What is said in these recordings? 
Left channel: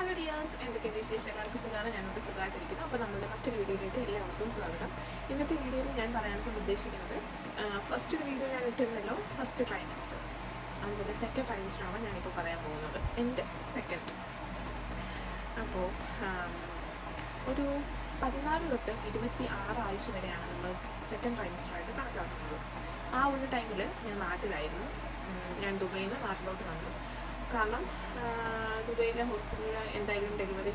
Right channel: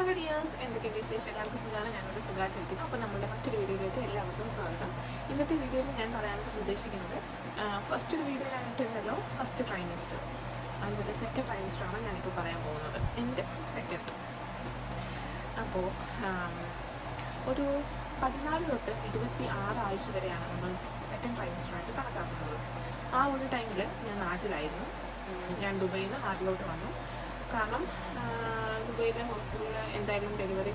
Hello dears, എന്തൊക്കെയുണ്ട് വിശേഷങ്ങൾക്ക്? സുഖമാണ്, ഞങ്ങൾക്ക് സുഖമായിട്ടിരിക്കുന്നു. അപ്പോൾ നമ്മുടെ മറ്റൊരു വീഡിയോയിലേക്ക് എല്ലാവർക്കും സ്വാഗതം. ഇന്നത്തെ വീഡിയോയിൽ ഞാൻ പറയാനായിട്ട് ഉദ്ദേശിക്കുന്നത്, ഫസ്റ്റ് ഒരു വീഡിയോ ഞാൻ ഇട്ടിരുന്നല്ലോ, ഫസ്റ്റ് ട്രൈമസ്റ്റർ, അതുപോലെ സെക്കൻഡ് ട്രൈമസ്റ്ററാണ് ഞാനിപ്പോൾ പറയാൻ പോകുന്നത്, എൻ്റെ സെക്കൻഡ്. അപ്പോൾ ഒരു 14 തൊട്ട് 26 ആഴ്ച വരെയാണ് നമ്മൾ സെക്കൻഡ് ട്രൈമസ്റ്ററായിട്ട് കണക്കാക്കുന്നത്. ആ ഒരു ടൈമിൽ ഞാൻ നാട്ടിലായിരുന്നു. ഞാൻ ദുബൈയിൽ നിന്ന് നാട്ടിലോട്ട് വന്നു. കാരണം ദുബൈയിലെ ഹോസ്പിറ്റലിൽ എന്തായാലും ഡെലിവറി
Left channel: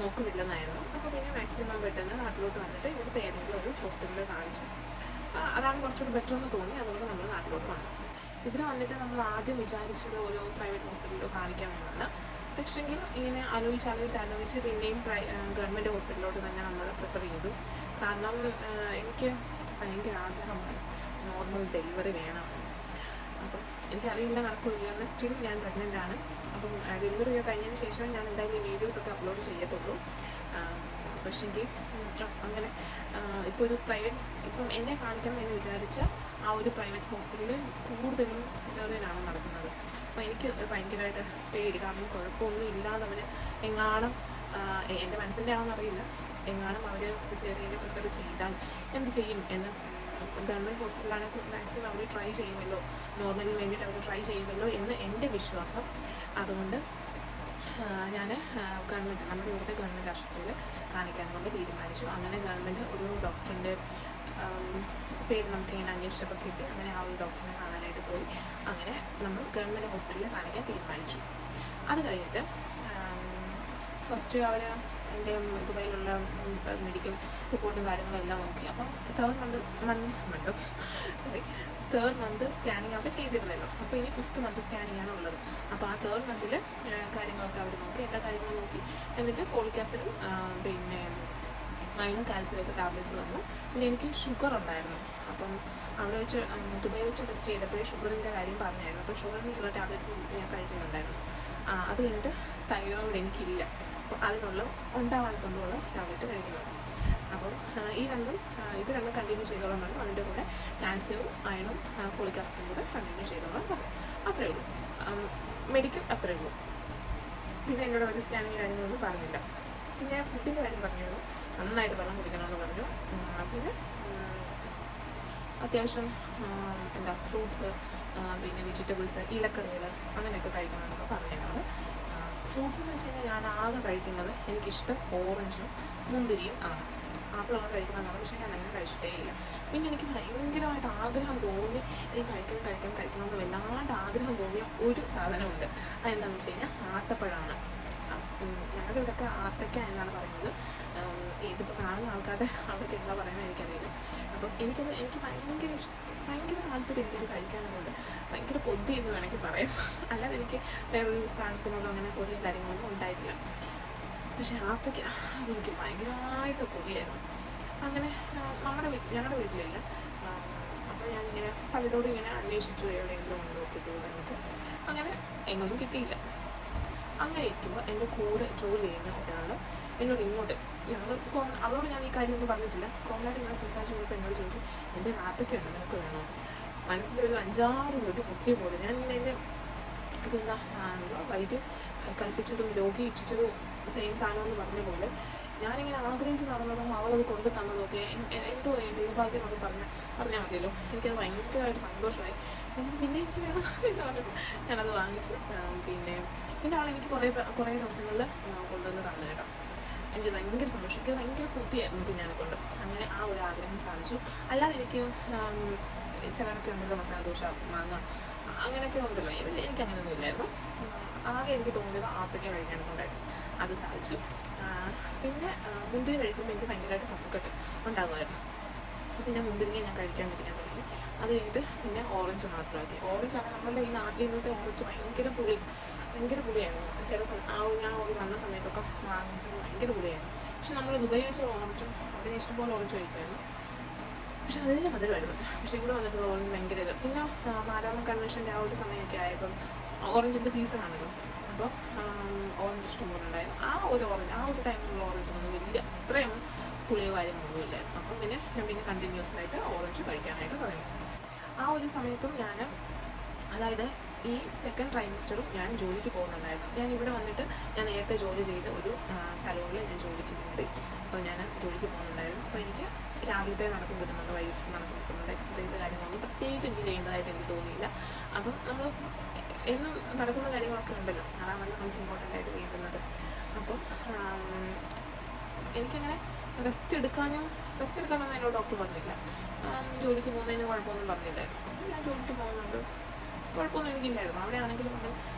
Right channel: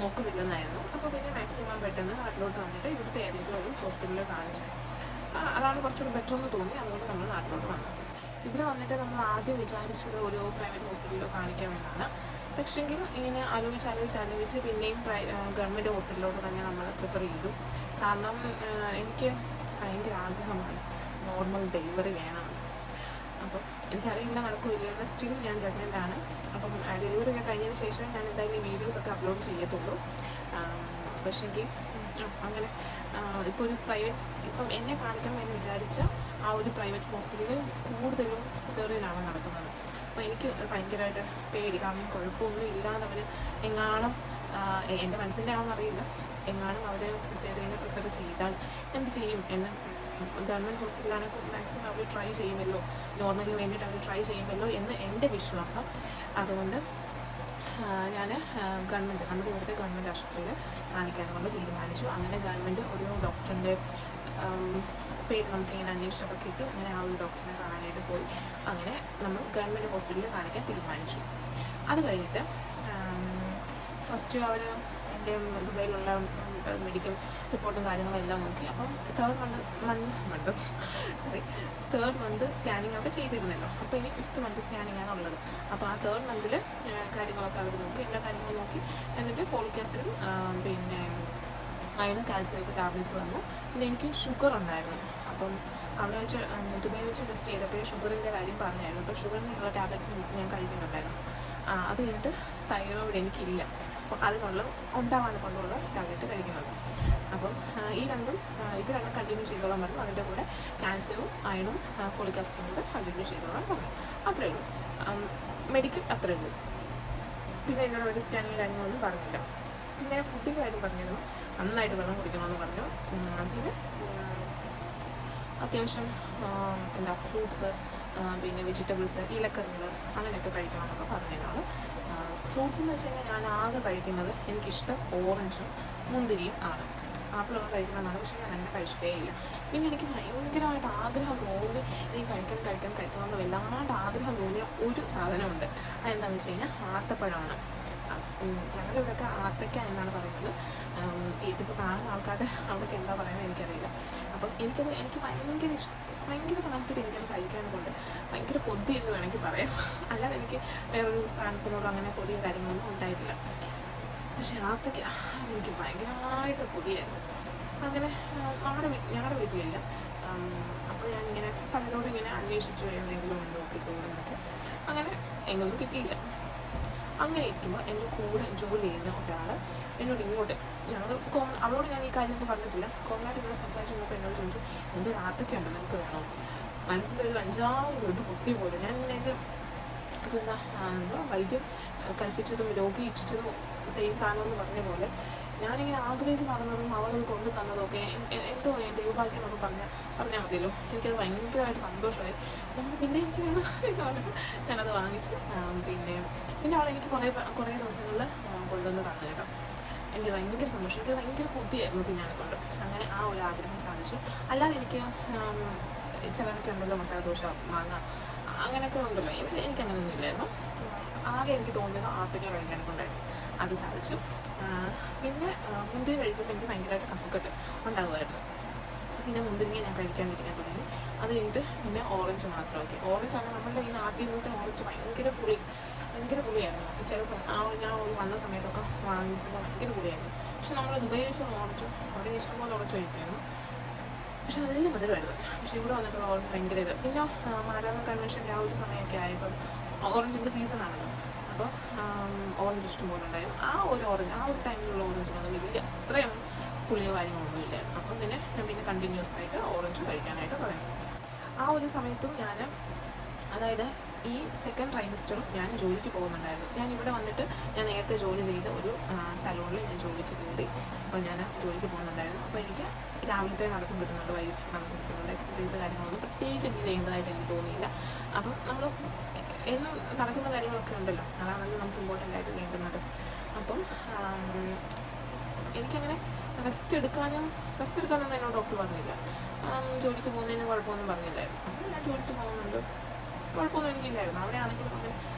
നോക്കുന്നില്ലെന്നായിരുന്നു. അപ്പോൾ പിന്നെ മാക്സിമം പെട്ടെന്ന് നാട്ടിലോട്ട് വന്നിട്ട് ഇവിടുത്തെ ഏതെങ്കിലും ഒരു ഹോസ്പിറ്റലിൽ കാണിച്ചു. അതാണ് കുറച്ചുകൂടി ബെറ്റർ എന്ന് തോന്നി. അതുകൊണ്ട് നമ്മൾ നാട്ടിലോട്ട് വന്നു. ഇവിടെ വന്നിട്ട് നമ്മൾ ആദ്യം വിചാരിച്ചത് ഒരു പ്രൈവറ്റ് ഹോസ്പിറ്റലിൽ കാണിക്കാമെന്നാണ്. പക്ഷെങ്കിൽ ഇങ്ങനെ ആലോചിച്ച് പിന്നെയും ഗവൺമെൻറ് ഹോസ്പിറ്റലിലോട്ട് തന്നെ നമ്മൾ പ്രിഫർ ചെയ്തു. കാരണം എനിക്ക് ഭയങ്കര ആഗ്രഹമാണ് നോർമൽ ഡെലിവറി വേണം. അപ്പം എനിക്കറിയില്ല നടക്കില്ല, സ്റ്റിൽ ഞാൻ പ്രഗ്നൻ്റ് ആണ്. അപ്പം ഡെലിവറി ഒക്കെ കഴിഞ്ഞതിന് ശേഷം ഞാൻ എന്തായാലും ഈ വീഡിയോസൊക്കെ അപ്ലോഡ് ചെയ്യത്തുള്ളൂ. പക്ഷേങ്കിൽ അങ്ങനെ ഇപ്പോൾ ഒരു ഇപ്പം എന്നെ കാണിക്കണം എന്ന് വിചാരിച്ച ആ ഒരു പ്രൈവറ്റ് ഹോസ്പിറ്റലിൽ കൂടുതലും സിസേറിയനാണ് നടക്കുന്നത്. അപ്പോൾ എനിക്ക് ഭയങ്കരമായിട്ട് പേടി. കാരണം കുഴപ്പമൊന്നും ഇല്ലാതെ അവർ എങ്ങാനും എൻ്റെ മനസ്സിൻ്റെ ആണെന്ന് അറിയില്ല, എങ്ങാനും അവർ സിസേറിയനെ പ്രിഫർ ചെയ്താൽ എന്ത് ചെയ്യും എന്ന്. ഗവൺമെൻറ് ഹോസ്പിറ്റലാണെങ്കിൽ മാക്സിമം അവർ ട്രൈ ചെയ്യുമല്ലോ, നോർമലിന് വേണ്ടിയിട്ട് അവർ ട്രൈ ചെയ്യുമല്ലോ എന്ന് എൻ്റെ വിശ്വാസം. അതുകൊണ്ട് ഞാൻ നമ്മുടെ ഇവിടുത്തെ ഗവൺമെൻറ് ആശുപത്രിയിൽ കാണിക്കാൻ നമ്മൾ തീരുമാനിച്ചു. അങ്ങനെ ഗവൺമെൻറ് ഒരു ഡോക്ടറിൻ്റെ പേര് നമുക്ക് ഇങ്ങനെ അന്വേഷിച്ചൊക്കെ കിട്ടി. അങ്ങനെ ആ ഒരു ഡോക്ടറിനെ കാണാനായിട്ട് പോയി. അങ്ങനെ നമ്മൾ ഗവൺമെൻറ് ഹോസ്പിറ്റലിൽ കാണിക്കാൻ തീരുമാനിച്ചു. അത് കഴിഞ്ഞിട്ട് ഫസ്റ്റ് അവർ എൻ്റെ ദുബൈയിലുള്ള മെഡിക്കൽ റിപ്പോർട്ടും കാര്യങ്ങളെല്ലാം നോക്കി. അപ്പം തേർഡ് മന്ത് സ്കാനിങ് അവിടെ ചെയ്തിരുന്നല്ലോ. അപ്പോൾ ഇനി 5th മന്ത് സ്കാനിങ് ആണ് ഉള്ളത്. അപ്പോൾ ആ 3rd മന്തിൽ കാര്യങ്ങളൊക്കെ അവർ നോക്കി, എല്ലാ കാര്യങ്ങളും നോക്കി. എന്നിട്ട് ഫോളിക് ആസിഡും പിന്നെ അയണും കാൽസ്യമൊക്കെ ടാബ്ലറ്റ്സ് തന്നു. പിന്നെ എനിക്ക് ഷുഗർ ഉണ്ടായിരുന്നു. അപ്പം അവിടെ വെച്ച് ദുബൈ വെച്ച് ടെസ്റ്റ് ചെയ്തപ്പോൾ ഷുഗറിൻ്റെ കാര്യം പറഞ്ഞായിരുന്നു. അപ്പോൾ ഷുഗറിനുള്ള ടാബ്ലറ്റ്സ് ഞാൻ കഴിക്കുന്നുണ്ടായിരുന്നു. അത് കഴിഞ്ഞിട്ട് തൈറോയിഡ് എനിക്കില്ല. അപ്പോൾ അത് വെള്ളം ഉണ്ടാവാൻ കൊണ്ടുള്ള ടാബ്ലറ്റ് കഴിക്കുന്നുണ്ട്. അപ്പം ഇത് രണ്ടും കണ്ടിന്യൂ ചെയ്തോളാൻ പറഞ്ഞു. അതിൻ്റെ കൂടെ കാൽസ്യവും അയണും ഫോളിക് ആസിഡും കൂടെ കണ്ടിന്യൂ ചെയ്തോളാൻ പറഞ്ഞു. അത്രയേ ഉള്ളൂ, മെഡിക്കൽ അത്രയേ ഉള്ളൂ. പിന്നെ എന്നോട് ഒരു സ്കാനിങ് കാര്യങ്ങളൊന്നും പറഞ്ഞില്ല. പിന്നെ ഫുഡിൻ്റെ കാര്യം പറഞ്ഞിരുന്നു, നന്നായിട്ട് വെള്ളം കുടിക്കണമെന്ന് പറഞ്ഞു. പിന്നെ അത്യാവശ്യം ഫ്രൂട്ട്സ്, പിന്നെ വെജിറ്റബിൾസ്, ഇലക്കറികൾ അങ്ങനെയൊക്കെ കഴിക്കണമെന്നൊക്കെ പറഞ്ഞതിനോട്. ഫ്രൂട്ട്സ് എന്ന് വെച്ച് കഴിഞ്ഞാൽ ഞാൻ ആകെ കഴിക്കുന്നത്, എനിക്കിഷ്ടം ഓറഞ്ചും മുന്തിരിയും ആണ്. ആപ്പിളൊക്കെ കഴിക്കണമെന്നാണ്, പക്ഷേ ഞാൻ അങ്ങനെ കഴിച്ചിട്ടേ ഇല്ല. പിന്നെ എനിക്ക് ഭയങ്കരമായിട്ട് ആഗ്രഹം തോന്നി, എനിക്ക് കഴിക്കണമെന്ന് വല്ലാണ്ട് ആഗ്രഹം തോന്നിയ ഒരു സാധനമുണ്ട്. അതെന്താണെന്ന് വെച്ച് കഴിഞ്ഞാൽ ആത്തപ്പഴമാണ്. ഞങ്ങളുടെ ഇവിടെയൊക്കെ ആത്തയ്ക്ക എന്നാണ് പറയുന്നത്. ഇതിപ്പോൾ കാണുന്ന ആൾക്കാരുടെ അവിടെയൊക്കെ എന്താ പറയുന്നത് എനിക്കറിയില്ല. അപ്പം എനിക്ക് ഭയങ്കര താല്പര്യം എനിക്കത് കഴിക്കാനുണ്ട്. ഭയങ്കര കൊതി എന്ന് വേണമെങ്കിൽ പറയാം. അല്ലാതെ എനിക്ക് വേറൊരു സ്ഥാനത്തിനോട് അങ്ങനെ കൊതിയും കാര്യങ്ങളൊന്നും ഉണ്ടായിട്ടില്ല. പക്ഷെ ആത്തയ്ക്ക അതെനിക്ക് ഭയങ്കരമായിട്ട് കൊതിയായിരുന്നു. അങ്ങനെ ഞങ്ങളുടെ വീട്ടിലില്ല. അപ്പോൾ ഞാനിങ്ങനെ പലരോടും ഇങ്ങനെ അന്വേഷിച്ചു, എവിടെയെങ്കിലും ഒന്ന് നോക്കിയിട്ടുണ്ടെന്നൊക്കെ. അങ്ങനെ എങ്ങൊന്നും കിട്ടിയില്ല. അങ്ങനെ ഇരിക്കുമ്പോൾ എൻ്റെ കൂടെ ജോലി ചെയ്യുന്ന ഒരാൾ എന്നോട് ഇങ്ങോട്ട്, അവളോട് ഞാൻ ഈ കാര്യം ഒന്നും പറഞ്ഞിട്ടില്ല, കോമണായിട്ട് ഇങ്ങനെ സംസാരിച്ച് കഴിഞ്ഞപ്പോൾ എന്നോട് ചോദിച്ചു, എൻ്റെ ആത്തയ്ക്കുണ്ട്, നമുക്ക് വേണോ? മനസ്സിലൊരു 5-6 വീട്ട് പൊക്കിയ പോലെ ഞാൻ ഇങ്ങനെ എൻ്റെ എന്താ വൈദ്യം കൽപ്പിച്ചതും രോഗി ഇച്ഛിച്ചതും സെയിം സാധനം എന്ന് പറഞ്ഞ പോലെ ഞാനിങ്ങനെ ആഗ്രഹിച്ച് നടന്നതും അവളത് കൊണ്ടു തന്നതൊക്കെ എന്തോ ദൈവഭാഗ്യം എന്നൊക്കെ പറഞ്ഞാൽ മതിയല്ലോ. എനിക്കത് ഭയങ്കരമായിട്ട് സന്തോഷമായി. പിന്നെ എനിക്ക് വേണം ഞാനത് വാങ്ങിച്ചു. പിന്നെ അവളെനിക്ക് കുറേ ദിവസങ്ങളിൽ കൊണ്ടുവന്ന് തന്നു കേട്ടോ. എനിക്ക് ഭയങ്കര സന്തോഷം, എനിക്ക് ഭയങ്കര കൊതിയായിരുന്നു പിന്നെ കൊണ്ട്. അങ്ങനെ ആ ഒരു ആഗ്രഹം സാധിച്ചു. അല്ലാതെ എനിക്ക് ചിലരൊക്കെ ഉണ്ടല്ലോ മസാല ദോശ, മാങ്ങ അങ്ങനെയൊക്കെ ഉണ്ടല്ലോ, എനിക്കങ്ങനെയൊന്നും ഇല്ലായിരുന്നു. ആകെ എനിക്ക് തോന്നിയത് ആത്തയ്ക്ക കഴിക്കാനൊക്കെ ഉണ്ടായിരുന്നു. അത് സാധിച്ചു. പിന്നെ മുന്തിരി കഴിക്കുമ്പോൾ എനിക്ക് ഭയങ്കരമായിട്ട് കഫക്കെട്ട് ഉണ്ടാകുമായിരുന്നു. പിന്നെ മുന്തിരിങ്ങ ഞാൻ കഴിക്കാൻ തുടങ്ങി. അത് കഴിഞ്ഞിട്ട് പിന്നെ ഓറഞ്ച് മാത്രമാക്കി. ഓറഞ്ചാണ് നമ്മളുടെ ഈ നാട്ടിലത്തെ ഓറഞ്ച് ഭയങ്കര പുളിയായിരുന്നു. ഞാൻ വന്ന സമയത്തൊക്കെ വാങ്ങിച്ചപ്പോൾ ഭയങ്കര പുളിയായിരുന്നു. പക്ഷെ നമ്മൾ ദുബൈയിൽ വെച്ച ഓറഞ്ച് അവിടെ ഇഷ്ടംപോലെ ഓറഞ്ച് കഴിക്കുമായിരുന്നു. പക്ഷെ നല്ല മധുരമായിരുന്നു. പക്ഷെ ഇവിടെ വന്നിട്ടുള്ള ഓറഞ്ച് ഭയങ്കര പിന്നെ മാരാമൺ കൺവെൻഷൻ്റെ ആ ഒരു സമയമൊക്കെ ആയപ്പോൾ ഓറഞ്ചിൻ്റെ സീസണാണല്ലോ. അപ്പോൾ ഓറഞ്ച് ഇഷ്ടംപോലെ ഉണ്ടായിരുന്നു. ആ ഒരു ടൈമിലുള്ള ഓറഞ്ചിനൊന്നും വലിയ അത്രയും പുളിയോ കാര്യങ്ങളൊന്നും ഇല്ലായിരുന്നു. അപ്പം പിന്നെ ഞാൻ കണ്ടിന്യൂസ് ആയിട്ട് ഓറഞ്ച് കഴിക്കാനായിട്ട് തുടങ്ങി. ആ ഒരു സമയത്തും ഞാൻ, അതായത് ഈ സെക്കൻഡ് ട്രൈമസ്റ്ററും ഞാൻ ജോലിക്ക് പോകുന്നുണ്ടായിരുന്നു. ഞാൻ ഇവിടെ വന്നിട്ട് ഞാൻ നേരത്തെ ജോലി ചെയ്ത ഒരു സലൂണിൽ ഞാൻ ജോലിക്ക് പോയി. അപ്പോൾ ഞാൻ ജോലിക്ക് പോകുന്നുണ്ടായിരുന്നു. അപ്പോൾ എനിക്ക് രാവിലത്തെ നടക്കും കിട്ടുന്നുണ്ട്, വൈകിട്ട് നടക്കും കിട്ടുന്നുണ്ട്. എക്സസൈസ് കാര്യങ്ങളൊന്നും പ്രത്യേകിച്ച് എനിക്ക് ചെയ്യുന്നതായിട്ട് എനിക്ക് തോന്നിയില്ല. അപ്പം നമ്മൾ എന്നും നടക്കുന്ന കാര്യങ്ങളൊക്കെ ഉണ്ടല്ലോ, അതാണല്ലോ നമുക്ക് ഇമ്പോർട്ടൻ്റ് ആയിട്ട് വേണ്ടുന്നത്. അപ്പം എനിക്കങ്ങനെ റെസ്റ്റ് എടുക്കാനൊന്നും എന്നോട് ഡോക്ടർ പറഞ്ഞില്ല. ജോലിക്ക് പോകുന്നതിന് കുഴപ്പമൊന്നും പറഞ്ഞില്ലായിരുന്നു. അപ്പം ഞാൻ ജോലിക്ക് പോകുന്നുണ്ട്, കുഴപ്പമൊന്നും എനിക്കില്ലായിരുന്നു. അവിടെ ആണെങ്കിലും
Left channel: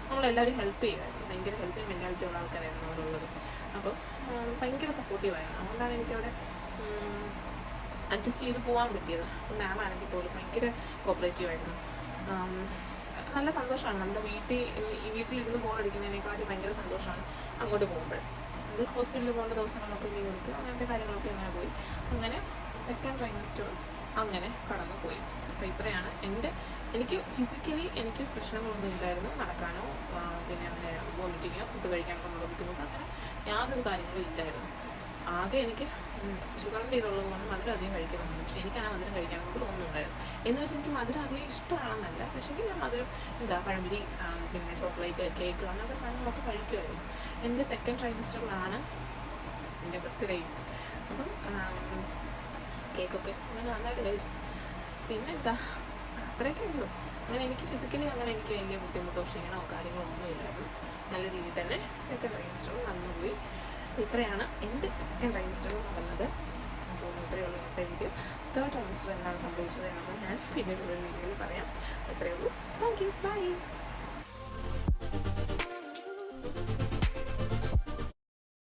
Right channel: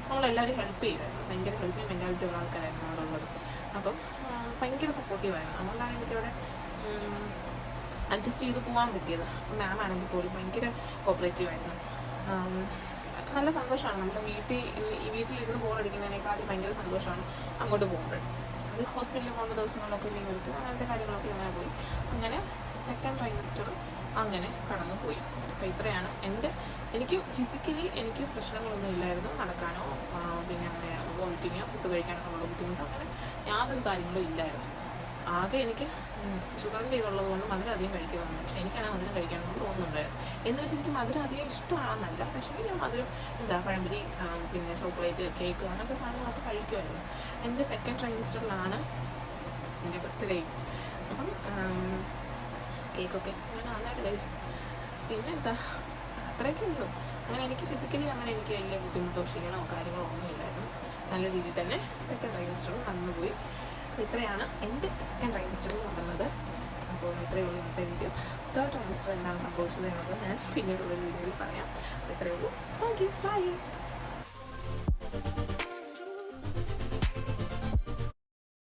നമ്മളെല്ലാവരും ഹെൽപ്പ് ചെയ്യുമായിരുന്നു. ഭയങ്കര ഹെൽപ്പിങ് മെൻറ്റാലിറ്റി ഉള്ള ആൾക്കാരായിരുന്നു അവിടെ ഉള്ളത്. അപ്പം ഭയങ്കര സപ്പോർട്ടീവായിരുന്നു. അതുകൊണ്ടാണ് എനിക്കവിടെ അഡ്ജസ്റ്റ് ചെയ്ത് പോകാൻ പറ്റിയത്. അപ്പം മാം ആണെങ്കിൽ പോലും ഭയങ്കര കോപ്പറേറ്റീവായിരുന്നു. നല്ല സന്തോഷമാണ്. നമ്മുടെ വീട്ടിലിരുന്ന് ബോളടിക്കുന്നതിനേക്കാളും ഭയങ്കര സന്തോഷമാണ് അങ്ങോട്ട് പോകുമ്പോൾ. അത് ഹോസ്പിറ്റലിൽ പോകുന്ന ദിവസങ്ങളൊക്കെ ലീവ് എടുത്തു, അങ്ങനത്തെ കാര്യങ്ങളൊക്കെ അങ്ങനെ പോയി. അങ്ങനെ സെക്കൻഡ് ട്രൈമസ്റ്റർ അങ്ങനെ കടന്നു പോയി. അപ്പോൾ ഇത്രയാണ് എനിക്ക് ഫിസിക്കലി എനിക്ക് പ്രശ്നങ്ങളൊന്നും ഇല്ലായിരുന്നു. നടക്കാനോ പിന്നെ അങ്ങനെ വോമിറ്റിങ്ങോ ഫുഡ് കഴിക്കാനുള്ള ബുദ്ധിമുട്ടോ അങ്ങനെ യാതൊരു കാര്യങ്ങളും ഇല്ലായിരുന്നു. ആകെ എനിക്ക് ഷുഗറിൻ്റെ ഇതുള്ളത് കൊണ്ട് മധുരം അധികം കഴിക്കണമെന്ന്. പക്ഷേ എനിക്കാണ് മധുരം കഴിക്കാനൊന്നും തോന്നുന്നുണ്ടായിരുന്നു. എന്ന് വെച്ചാൽ എനിക്ക് മധുരം അധികം ഇഷ്ടമാണെന്നല്ല, പക്ഷേ ഞാൻ മധുരം പഴംപൊരി പിന്നെ ചോക്ലേറ്റ് കേക്ക് അങ്ങനത്തെ സാധനങ്ങളൊക്കെ കഴിക്കുമായിരുന്നു. എൻ്റെ സെക്കൻഡ് ട്രൈമസ്റ്ററിലാണ് എൻ്റെ ബർത്ത്ഡേ. അപ്പം കേക്കൊക്കെ ഞാൻ നന്നായിട്ട് കഴിച്ചു. പിന്നെ അത്രയൊക്കെ ഉള്ളൂ. അങ്ങനെ എനിക്ക് ഫിസിക്കലി അങ്ങനെ എനിക്ക് വലിയ ബുദ്ധിമുട്ടോ ക്ഷീണമോ കാര്യങ്ങളോ ഒന്നും ഇല്ലായിരുന്നു. നല്ല രീതിയിൽ തന്നെ സെക്കൻഡ് ട്രൈമസ്റ്ററും നടന്നുപോയി. അപ്പോൾ ഇത്രയാണ് എൻ്റെ സെക്കൻഡ് ട്രൈമസ്റ്റർ നടന്നത്. അപ്പോൾ ഇത്രയേ ഉള്ളൂ ഇന്നത്തെ വീഡിയോ. തേർഡ് ട്രൈമസ്റ്റർ എന്താണ് സംഭവിച്ചത് എന്നുള്ളത് ഞാൻ പിന്നീടുള്ള വീഡിയോയിൽ പറയാം. ഇത്രയേ ഉള്ളൂ. Thank you, by.